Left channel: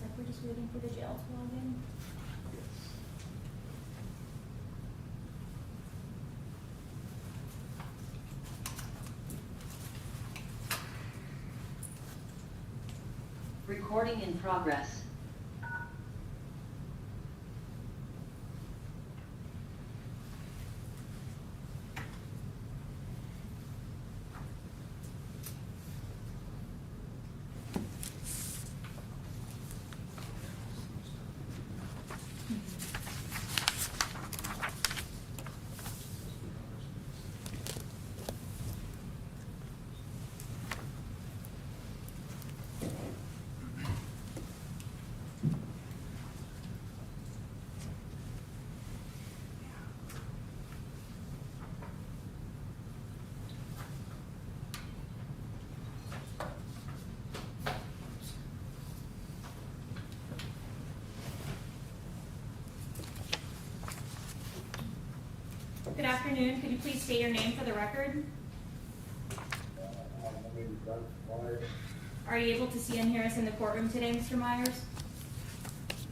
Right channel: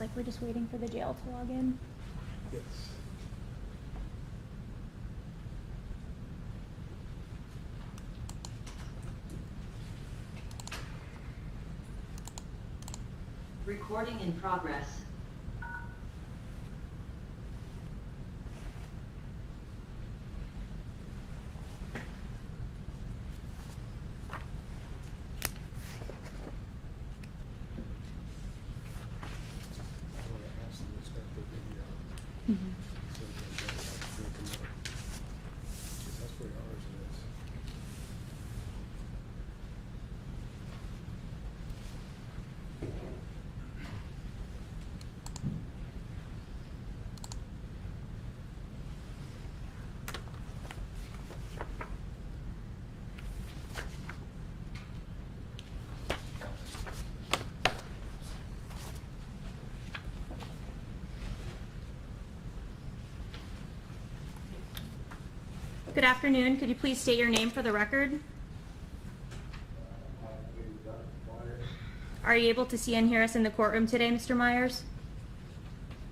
looks like we're just waiting for the jail to log in. Yes. Recording in progress. Good afternoon. Could you please state your name for the record? Gunfire. Are you able to see and hear us in the courtroom today, Mr. Myers?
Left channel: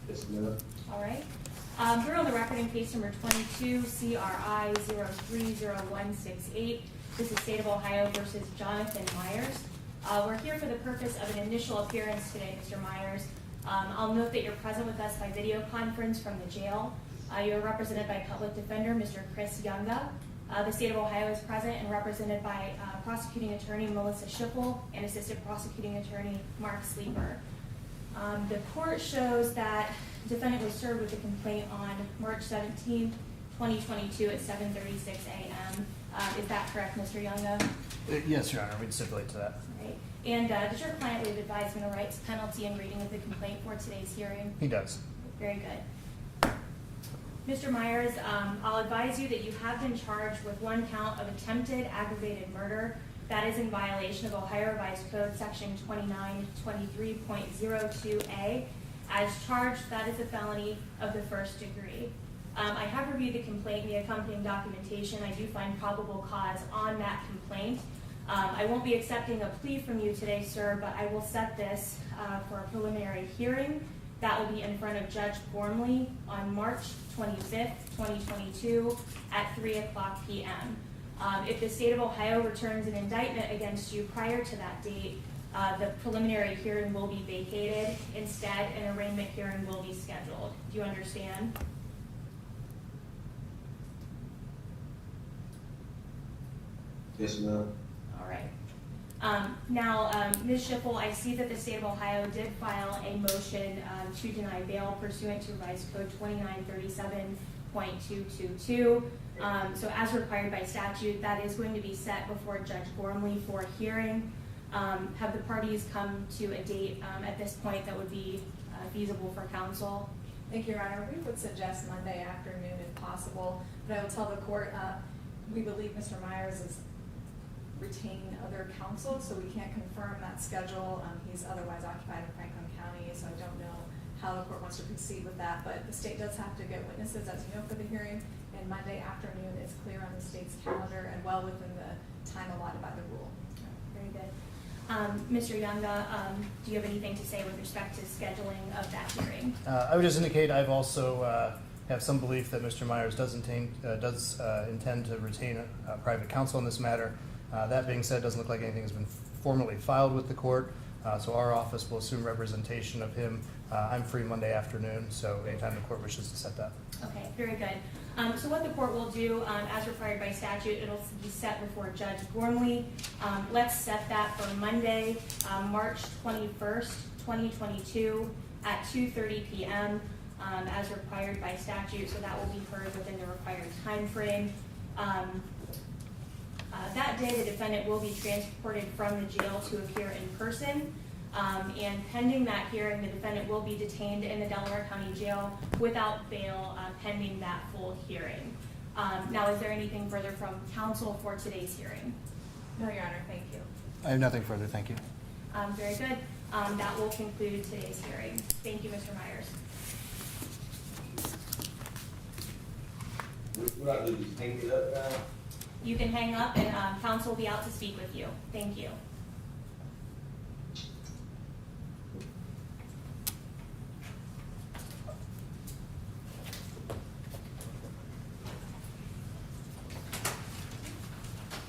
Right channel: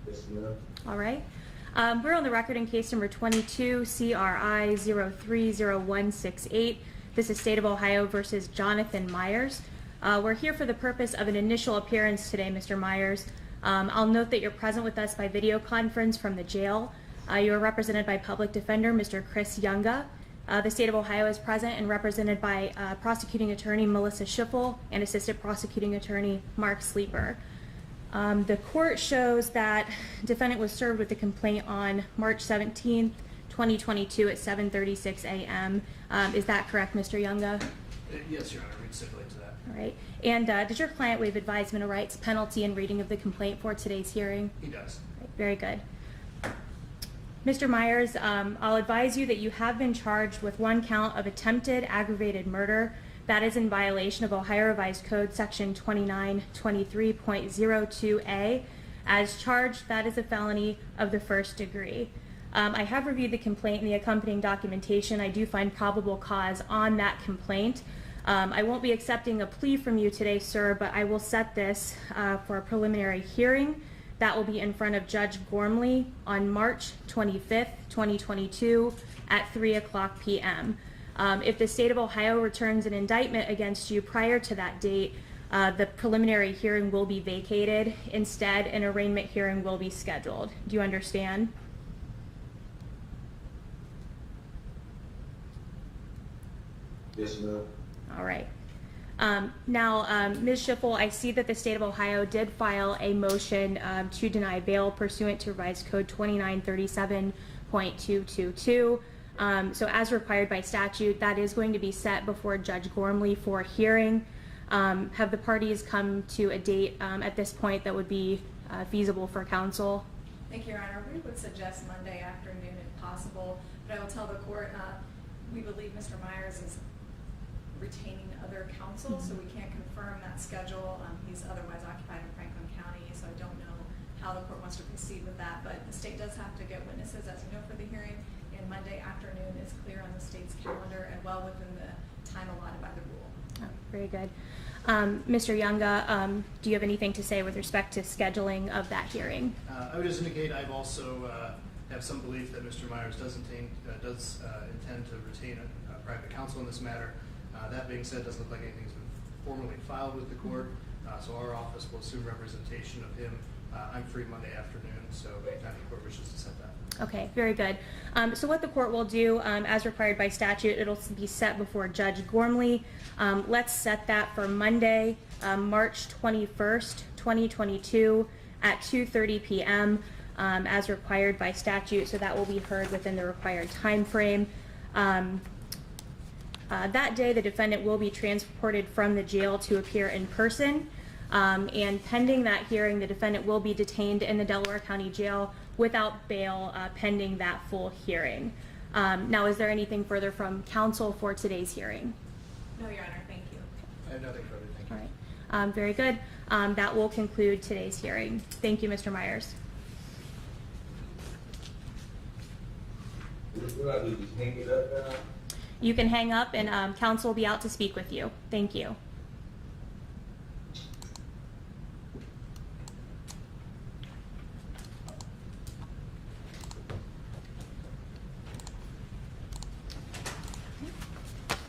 Yes, ma'am. All right. We're on the record in case number 22, CRI 030168. This is State of Ohio versus Jonathan Myers. We're here for the purpose of an initial appearance today, Mr. Myers. I'll note that you're present with us by video conference from the jail. You are represented by Public Defender Mr. Chris Younga. The State of Ohio is present and represented by Prosecuting Attorney Melissa Schiffel and Assistant Prosecuting Attorney Mark Sleeper. The court shows that defendant was served with a complaint on March 17th, 2022 at 7:36 a.m. Is that correct, Mr. Younga? Yes, Your Honor, we'd stipulate to that. All right. And did your client waive advisement of rights, penalty, and reading of the complaint for today's hearing? He does. Very good. Mr. Myers, I'll advise you that you have been charged with one count of attempted aggravated murder. That is in violation of Ohio Revised Code Section 2923.02a. As charged, that is a felony of the first degree. I have reviewed the complaint and the accompanying documentation. I do find probable cause on that complaint. I won't be accepting a plea from you today, sir, but I will set this for a preliminary hearing. That will be in front of Judge Gormley on March 25th, 2022 at 3:00 p.m. If the State of Ohio returns an indictment against you prior to that date, the preliminary hearing will be vacated. Instead, an arraignment hearing will be scheduled. Do you understand? Yes, ma'am. All right. Now, Ms. Schiffel, I see that the State of Ohio did file a motion to deny bail pursuant to Revised Code 2937.222. So as required by statute, that is going to be set before Judge Gormley for hearing. Have the parties come to a date at this point that would be feasible for counsel? Thank you, Your Honor. We would suggest Monday afternoon if possible, but I would tell the court we believe Mr. Myers is retaining other counsel, so we can't confirm that schedule. He's otherwise occupied in Franklin County, so I don't know how the court wants to proceed with that, but the state does have to get witnesses, as you know, for the hearing, and Monday afternoon is clear on the state's calendar and well within the time allotted by the rule. Oh, very good. Mr. Younga, do you have anything to say with respect to scheduling of that hearing? I would just indicate I've also have some belief that Mr. Myers does intend to retain private counsel in this matter. That being said, it doesn't look like anything has been formally filed with the court, so our office will assume representation of him. I'm free Monday afternoon, so anytime the court wishes to set that. Okay, very good. So what the court will do, as required by statute, it'll be set before Judge Gormley. Let's set that for Monday, March 21st, 2022 at 2:30 p.m. As required by statute, so that will be heard within the required time frame. That day, the defendant will be transported from the jail to appear in person. And pending that hearing, the defendant will be detained in the Delaware County Jail without bail pending that full hearing. Now, is there anything further from counsel for today's hearing? No, Your Honor, thank you. I have nothing further, thank you. All right. Very good. That will conclude today's hearing. Thank you, Mr. Myers. What do I do, just hang it up now? You can hang up and counsel will be out to speak with you. Thank you.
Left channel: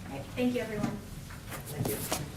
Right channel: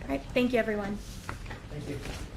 right, thank you, everyone. Thank you.